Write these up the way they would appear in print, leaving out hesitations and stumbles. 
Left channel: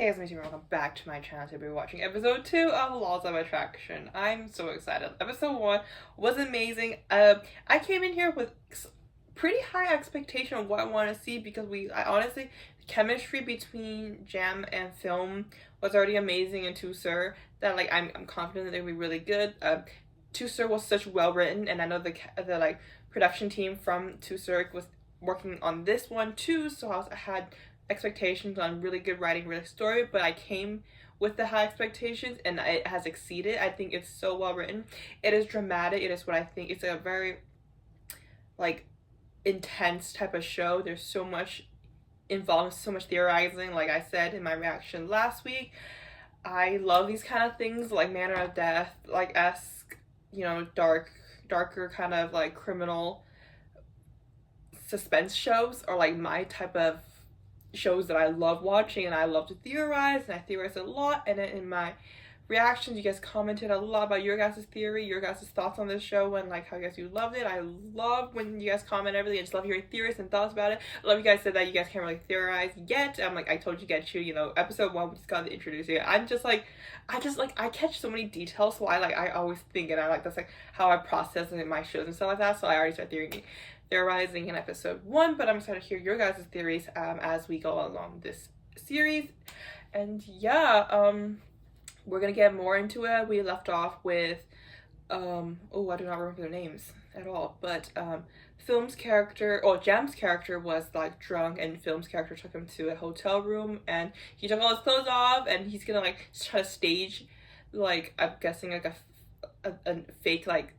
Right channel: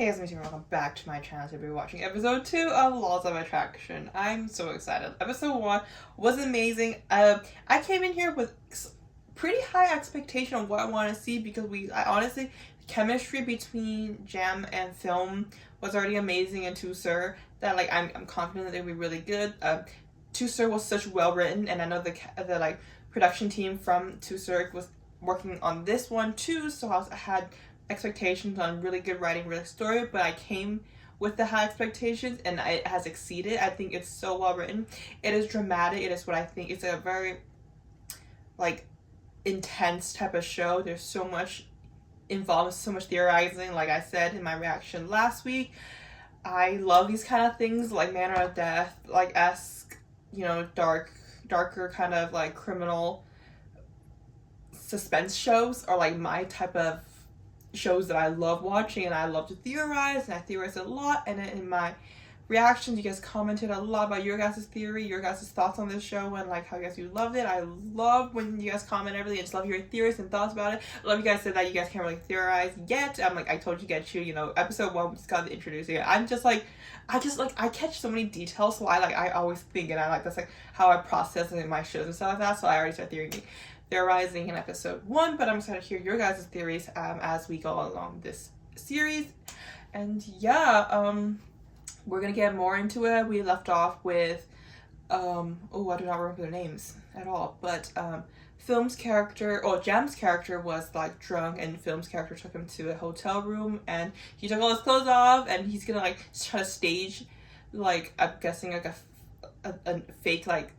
Hey, it's me, Tim. Welcome back to my channel. Today we're watching episode 2 of Laws of Attraction. I'm so excited. Episode 1 was amazing. I came in here with pretty high expectation of what I want to see because I honestly, the chemistry between Jam and Film was already amazing in Two Sir. That like I'm confident that they'll be really good. Two Sir was such well written, and I know the like production team from Two Sir was working on this one too. So I had expectations on really good writing, really story, but I came with the high expectations and it has exceeded. I think it's so well written. It is dramatic. It is what I think. It's a very like intense type of show. There's so much involved, so much theorizing. Like I said in my reaction last week, I love these kind of things, like Manner of Death, like esque, you know, darker kind of like criminal suspense shows are like my type of shows that I love watching, and I love to theorize, and I theorize a lot. And in my reactions, you guys commented a lot about your guys' theory, your guys' thoughts on this show, and like how you guys loved it. I love when you guys comment everything. I just love hearing theories and thoughts about it. I love you guys said that you guys can't really theorize yet. I'm like, I told you, you know, episode 1 we just got to introduce you. I catch so many details, so I always think, and I like that's like how I process it in my shows and stuff like that. So I already start theorizing in episode 1, but I'm excited to hear your guys' theories as we go along this series. And yeah, we're gonna get more into it. We left off with I do not remember their names at all, but Film's character, Jam's character was like drunk, and Film's character took him to a hotel room, and he took all his clothes off, and he's gonna like try to stage, like I'm guessing like a fake like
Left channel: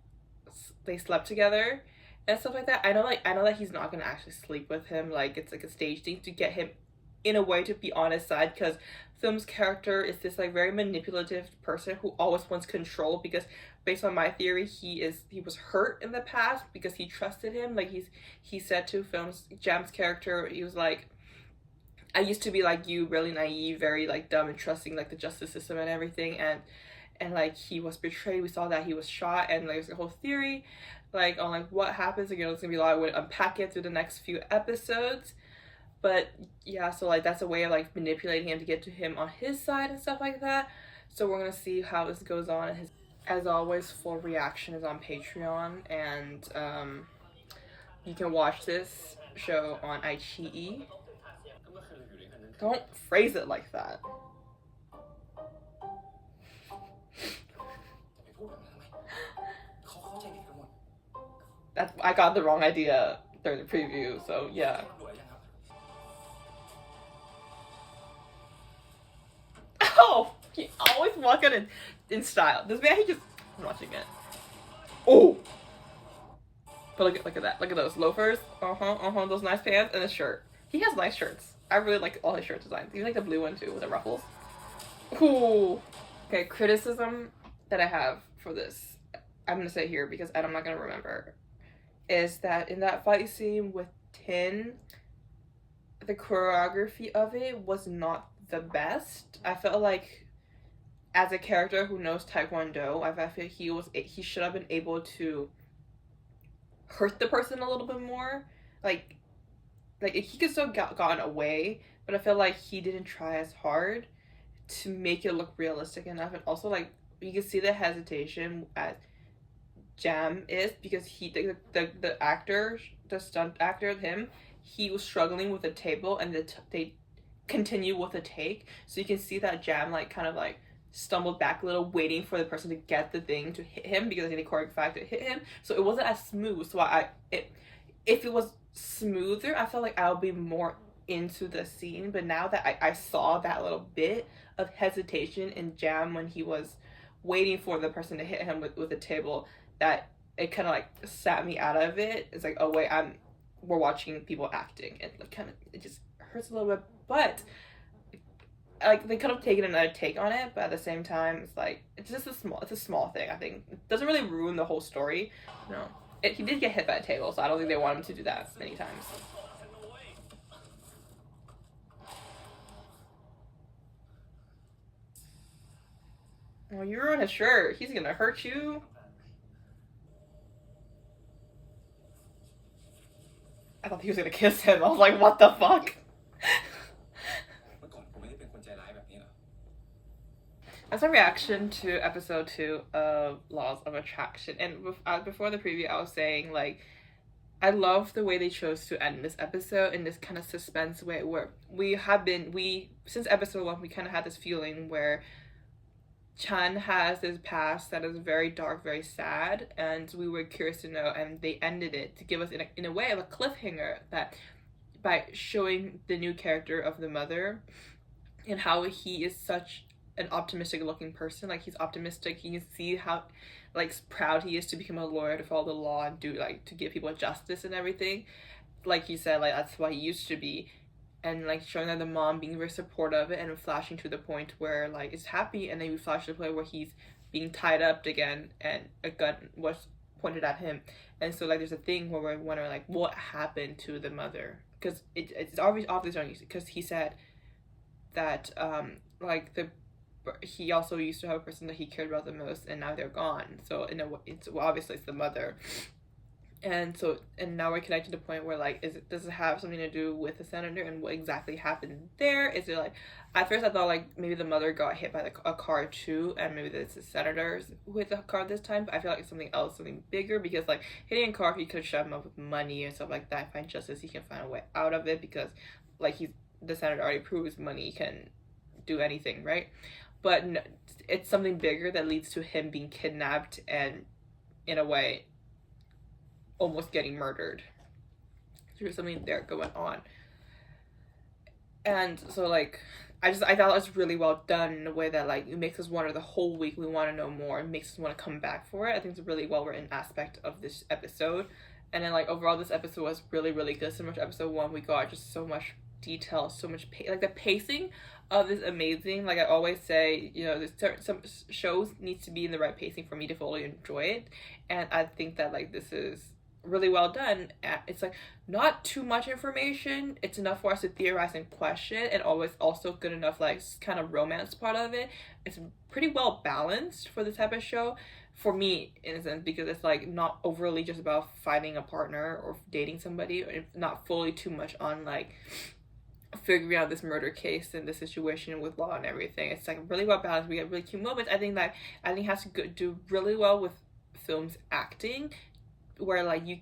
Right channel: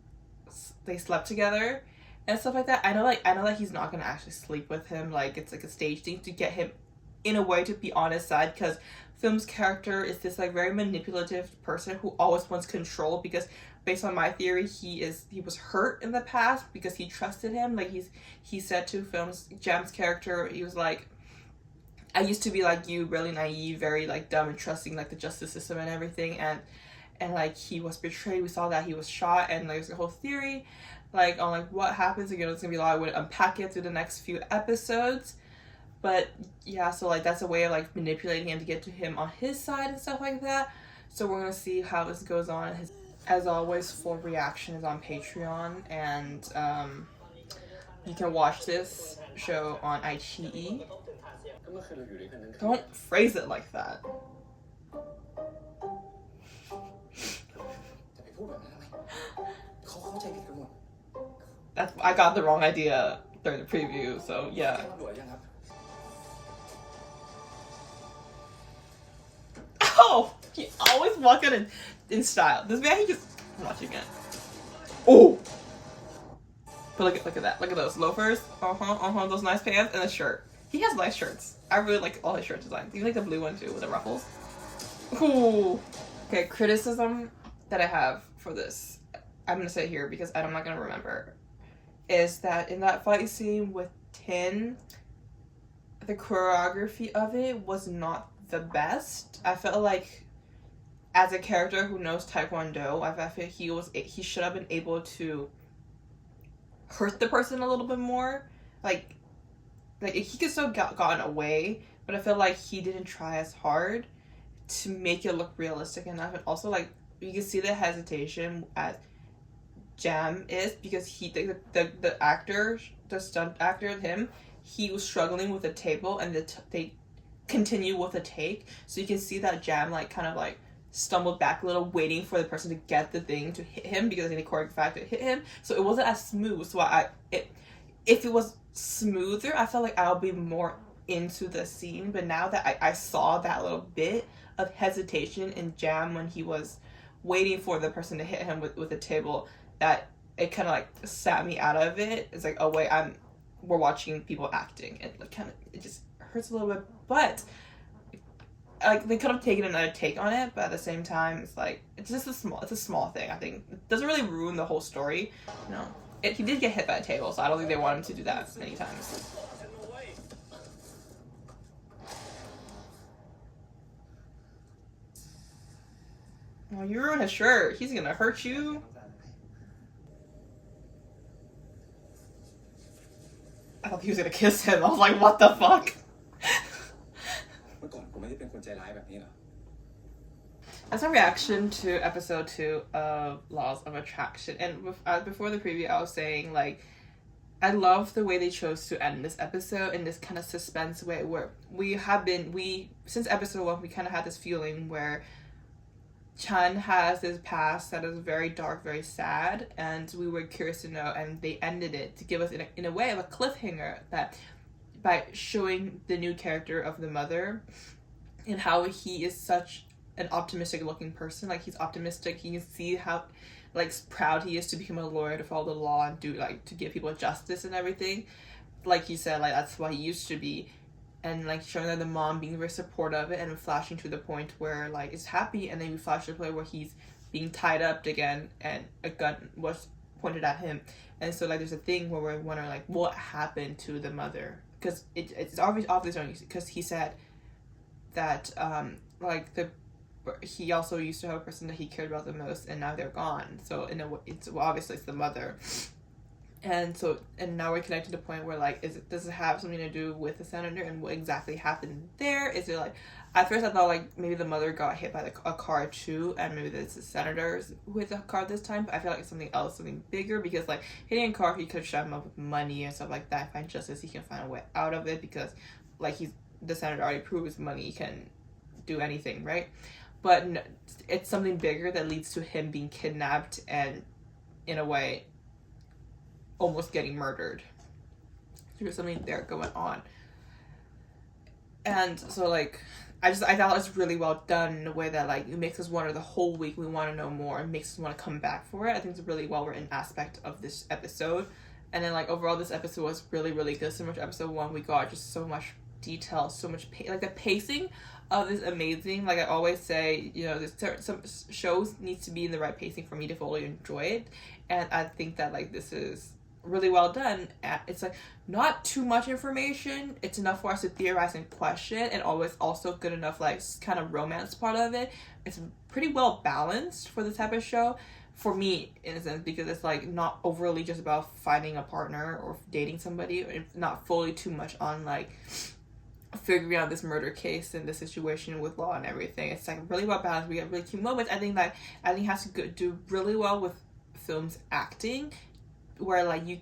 they slept together and stuff like that. I know that he's not gonna actually sleep with him. Like it's like a stage thing to get him in a way to be on his side, because Film's character is this like very manipulative person who always wants control, because based on my theory, he was hurt in the past because he trusted him. Like he said to Jam's character, he was like, I used to be like you, really naive, very like dumb and trusting like the justice system and everything, and like he was betrayed. We saw that he was shot, and like there's a whole theory like on like what happens. You know, it's gonna be a lot. I would unpack it through the next few episodes, but yeah, so like that's a way of like manipulating him to get to him on his side and stuff like that. So we're gonna see how this goes on. As always, full reaction is on Patreon, and you can watch this show on iQIYI. Don't phrase it like that. I got the wrong idea during the preview, so yeah. Oh, he always walking in style. This man, he just I'm watching it. Oh, but look at that. Look at those loafers. Those nice pants and a shirt. He has nice shirts. I really like all his shirt designs. Even like the blue one too with the ruffles. Ooh. Okay, criticism that I have for this, I'm gonna say here because I'm not gonna remember, is that in that fight scene with Tin, the choreography of it was not the best. I felt like as a character who knows Taekwondo, I feel he should have been able to hurt the person a little bit more. Like he could still gotten away, but I feel like he didn't try as hard to make it look realistic enough. And also like you can see the hesitation as Jam is, because the actor, the stunt actor, he was struggling with the table, and they continue with the take, so you can see that Jam like kind of like stumbled back a little, waiting for the person to get the thing to hit him, because they choreographed to hit him, so it wasn't as smooth. So if it was smoother, I felt like I'll be more into the scene. But now that I saw that little bit of hesitation in Jam when he was waiting for the person to hit him with the table, that it kind of like sat me out of it. It's like, oh wait, we're watching people acting, and like kind of it just hurts a little bit. But like they could have taken another take on it, but at the same time, it's like it's a small thing. I think it doesn't really ruin the whole story. No, he did get hit by a table, so I don't think they wanted him to do that many times. Well, you ruined his shirt. He's gonna hurt you. I thought he was gonna kiss him. I was like, what the fuck? แบบนี้เหรอ As a reaction to episode 2 of Laws of Attraction, and before the preview I was saying like I love the way they chose to end this episode in this kind of suspense way where we since episode 1 we kind of had this feeling where Chan has this past that is very dark, very sad, and we were curious to know, and they ended it to give us in a way of a cliffhanger that by showing the new character of the mother and how he is such an optimistic looking person. Like he's optimistic, you can see how like proud he is to become a lawyer, to follow the law and do like to give people justice and everything. Like he said, like that's what he used to be, and like showing that the mom being very supportive and flashing to the point where like it's happy, and then we flash to the point where he's being tied up again and a gun was pointed at him. And so like there's a thing where we're wondering like what happened to the mother, because it's obvious because he said that like he also used to have a person that he cared about the most, and now they're gone. So in a way, it's obviously it's the mother. And now we're connected to the point where like does it have something to do with the senator and what exactly happened there? Is it like at first I thought like maybe the mother got hit by a car too, and maybe it's the senators with the car this time, but I feel like it's something else, something bigger, because like hitting a car, he could shut him up with money and stuff like that, find justice, he can find a way out of it, because like the senator already proves money can do anything, right? But no, it's something bigger that leads to him being kidnapped and in a way almost getting murdered. So there's something there going on. And so like I thought it was really well done in a way that like it makes us wonder the whole week, we want to know more, it makes us want to come back for it. I think it's a really well written aspect of this episode. And then like overall this episode was really, really good. Similar to episode 1, we got just so much detail, so much like the pacing of this amazing. Like I always say, you know, there's some shows needs to be in the right pacing for me to fully enjoy it, and I think that like this is really well done. It's like not too much information, it's enough for us to theorize and question, and always also good enough like kind of romance part of it. It's pretty well balanced for this type of show for me, in a sense, because it's like not overly just about finding a partner or dating somebody, or not fully too much on like figuring out this murder case and the situation with law and everything. It's like really well balanced. We get really cute moments. I think it has to do really well with film's acting, where like you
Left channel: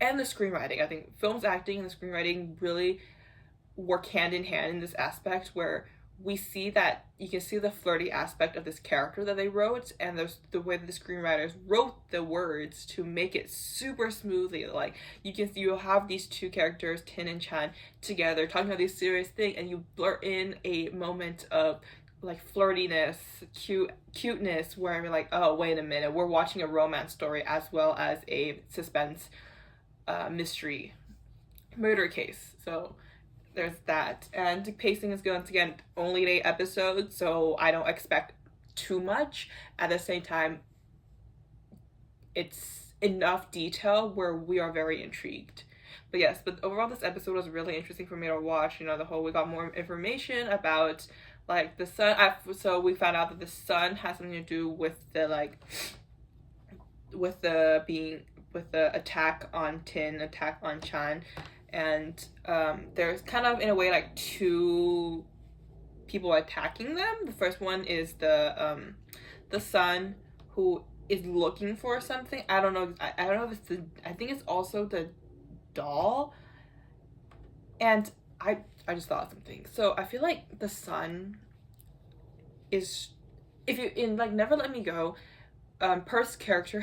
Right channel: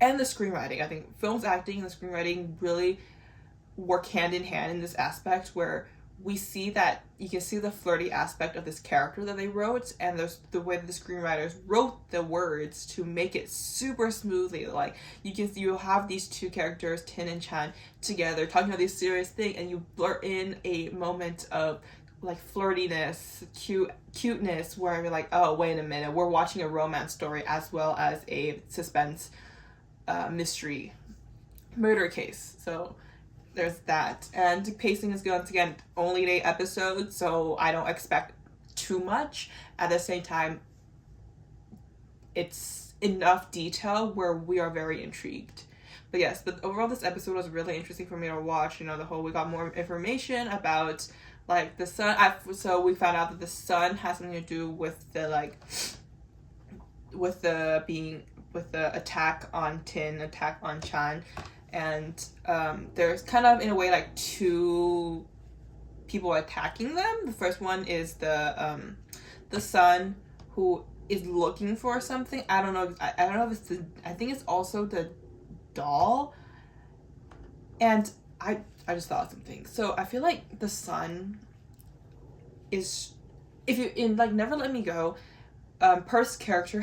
and the screenwriting. I think film's acting and the screenwriting really work hand in hand in this aspect, where we see that you can see the flirty aspect of this character that they wrote, and there's the way that the screenwriters wrote the words to make it super smoothly. Like you have these two characters, Tin and Chan, together talking about this serious thing, and you blurt in a moment of like flirtiness, cuteness, where we're like, oh wait a minute, we're watching a romance story as well as a suspense mystery murder case. So there's that. And the pacing is good. Once again, only 8 episodes, so I don't expect too much. At the same time, it's enough detail where we are very intrigued. But yes, but overall this episode was really interesting for me to watch. You know, we got more information about like the sun. So we found out that the sun has something to do with the like with the attack on Tin, attack on Chan. And there's kind of in a way like 2 people attacking them. The first one is the son, who is looking for something. I don't know. I don't know if it's I think it's also the doll. And I just thought of something. So I feel like the son is, if you in like Never Let Me Go, Perth's character,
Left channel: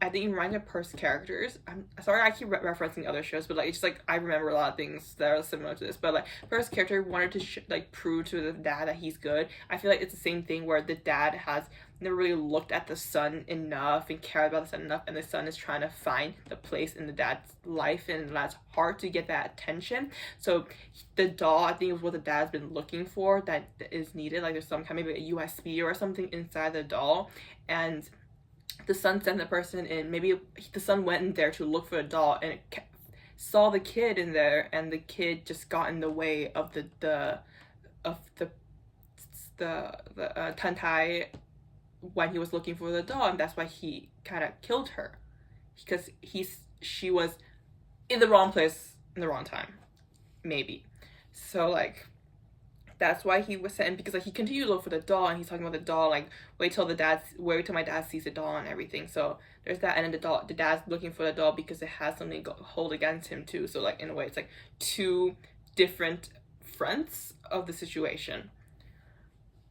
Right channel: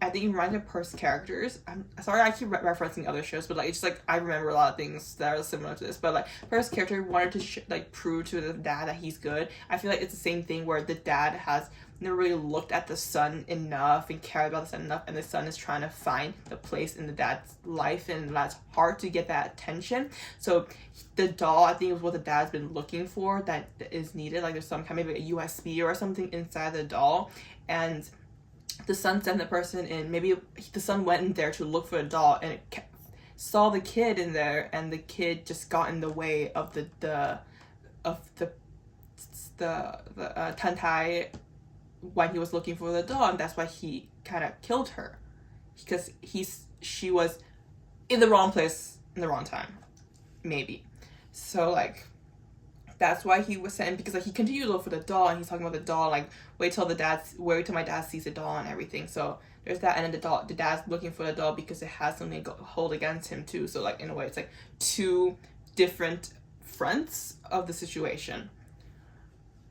I think it reminds me of Perth's characters. I'm sorry I keep referencing other shows, but like it's just like I remember a lot of things that are similar to this. But like Perth's character wanted to like prove to the dad that he's good. I feel like it's the same thing where the dad has never really looked at the son enough and cared about the son enough, and the son is trying to find the place in the dad's life, and that's hard to get that attention. So the doll, I think, is what the dad's been looking for that is needed. Like there's some kind of maybe a USB or something inside the doll, and the son sent the person in. Maybe the son went in there to look for a doll, and it saw the kid in there, and the kid just got in the way of the Tantai when he was looking for the doll, and that's why he kind of killed her, because she was in the wrong place in the wrong time, maybe. So like that's why he was sent, because like he continued to look for the doll, and he's talking about the doll, like wait till my dad sees the doll and everything. So there's that, and then the dad's looking for the doll because it has something to hold against him too. So like in a way it's like two different fronts of the situation.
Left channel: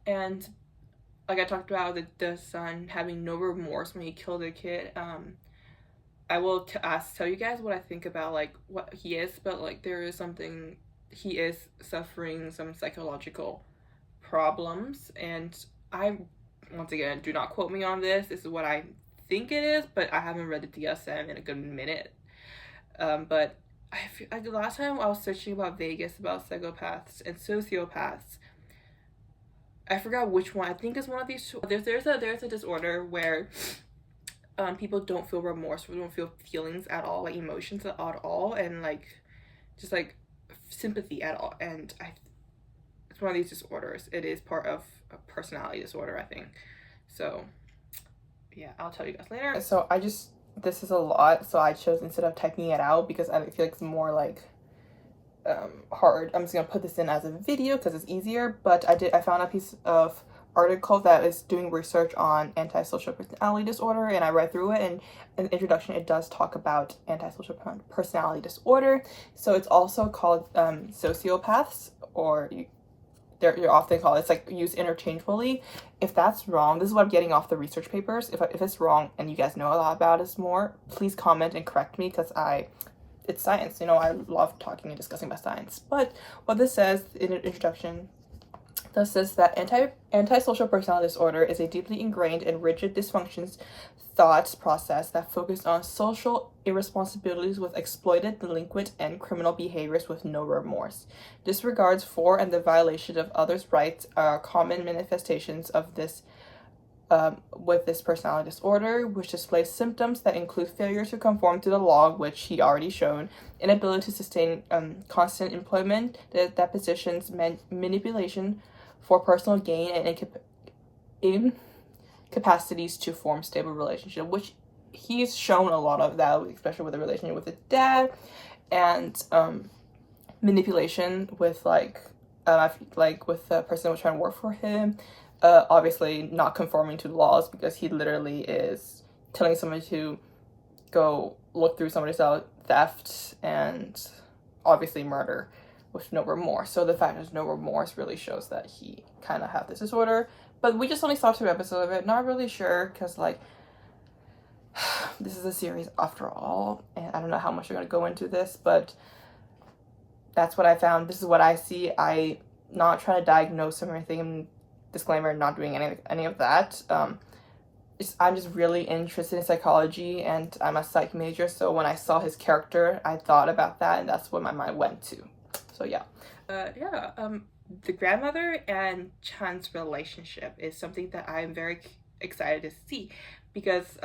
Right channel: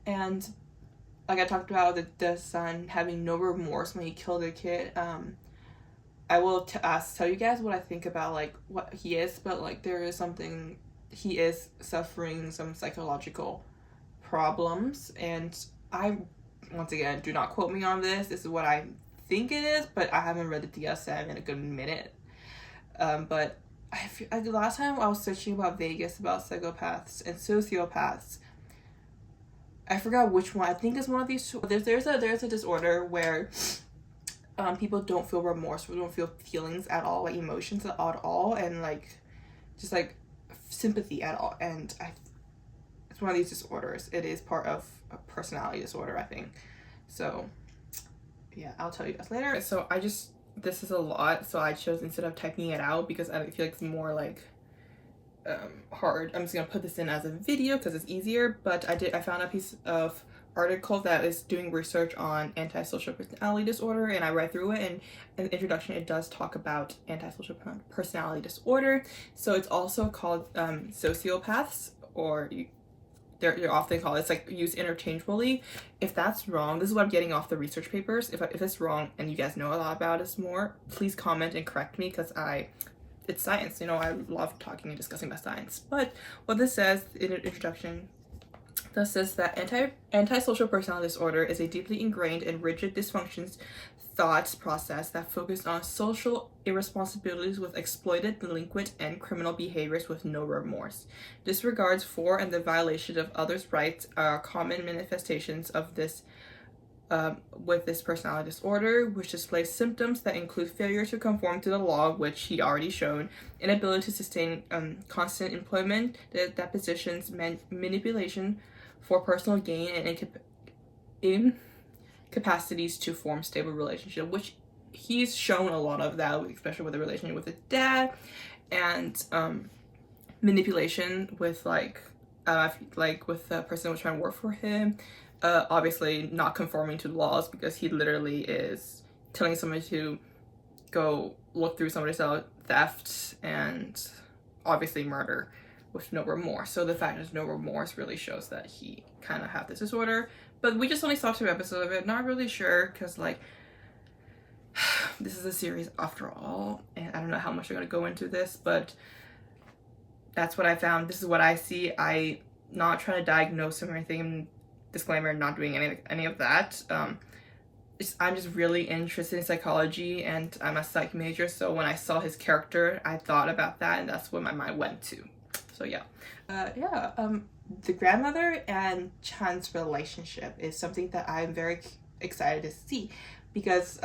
And like I talked about the son having no remorse when he killed a kid. I will tell you guys what I think about like what he is, but like there is something, he is suffering some psychological problems, and I, once again, do not quote me on this. This is what I think it is, but I haven't read the DSM in a good minute. But I feel like the last time I was searching about Vegas about psychopaths and sociopaths, I forgot which one. I think it's one of these two. There's a disorder where people don't feel remorse, or don't feel feelings at all, like emotions at all, and like just like sympathy at all. And it's one of these disorders. It is part of a personality disorder, I think. So yeah, I'll tell you guys later. So this is a lot, so I chose, instead of typing it out because I feel like it's more like hard, I'm just gonna put this in as a video because it's easier. But I found a piece of article that is doing research on antisocial personality disorder, and I read through it, and in the introduction it does talk about antisocial personality disorder. So it's also called sociopaths, or they're often called, it's like used interchangeably. If that's wrong, this is what I'm getting off the research papers. If it's wrong and you guys know a lot about it more, please comment and correct me, because it's science, you know, I love talking and discussing about science. But what this says in an introduction, this says that antisocial personality disorder is a deeply ingrained and rigid dysfunctions thought process that focuses on social irresponsibilities with exploited, delinquent, and criminal behaviors with no remorse. Disregards for and the violation of others' rights are common manifestations of this with this personality disorder, which displays symptoms that include failure to conform to the law, which he already shown, inability to sustain constant employment, depositions, manipulation for personal gain, and incapacities to form stable relationship, which he's shown a lot of that, especially with the relationship with the dad, and manipulation with like with the person who was trying to work for him. Obviously not conforming to laws, because he literally is telling somebody to go look through somebody's house, theft, and obviously murder with no remorse. So the fact there's no remorse really shows that he kind of have this disorder. But we just only saw 2 episodes of it. Not really sure, because like this is a series after all, and I don't know how much I'm gonna go into this, but that's what I found. This is what I see. I not trying to diagnose him or anything. Disclaimer, not doing any of that. I'm just really interested in psychology, and I'm a psych major, so when I saw his character I thought about that, and that's what my mind went to. So yeah. The grandmother and Chan's relationship is something that I'm very excited to see, because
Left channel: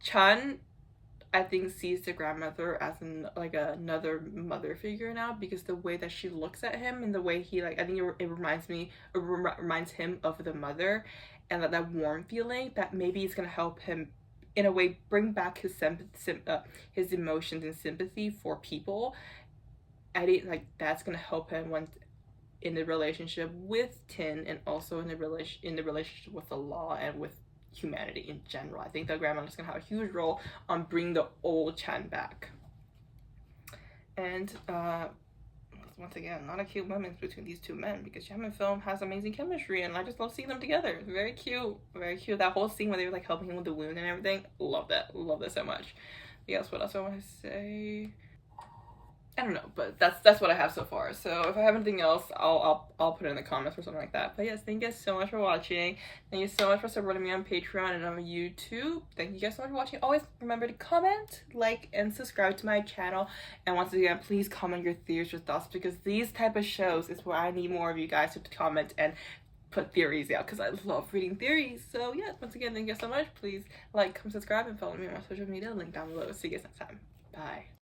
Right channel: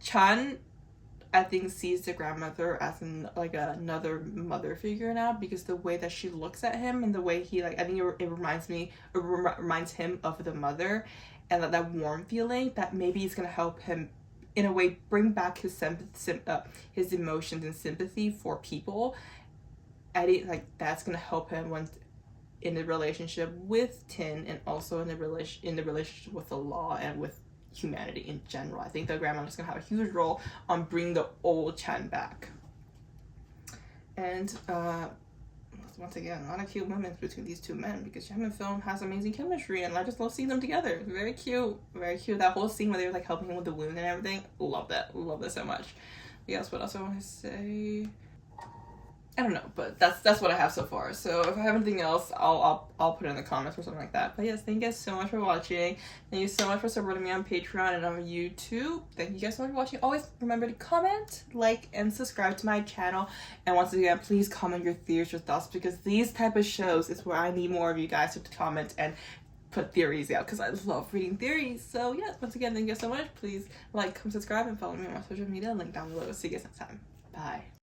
Chan, I think, sees the grandmother as another mother figure now, because the way that she looks at him and the way he, like, I think it reminds him of the mother, and that warm feeling that maybe is gonna help him in a way bring back his emotions and sympathy for people. I think like that's gonna help him when in the relationship with Tin, and also in the relationship with the law and with humanity in general. I think the grandmother's gonna have a huge role on bringing the old Chan back. And once again, a lot of cute moments between these 2 men, because Chan and Film has amazing chemistry, and I just love seeing them together. It's very cute, very cute. That whole scene where they were like helping him with the wound and everything, love that so much. Yes, what else I want to say? I don't know, but that's what I have so far. So if I have anything else, I'll put it in the comments or something like that. But yes, thank you guys so much for watching. Thank you so much for supporting me on Patreon and on YouTube. Thank you guys so much for watching. Always remember to comment, like, and subscribe to my channel. And once again, please comment your theories, your thoughts, because these type of shows is where I need more of you guys to comment and put theories out, because I love reading theories. So yeah, once again, thank you guys so much. Please like, comment, subscribe, and follow me on my social media. Link down below. See you guys next time. Bye.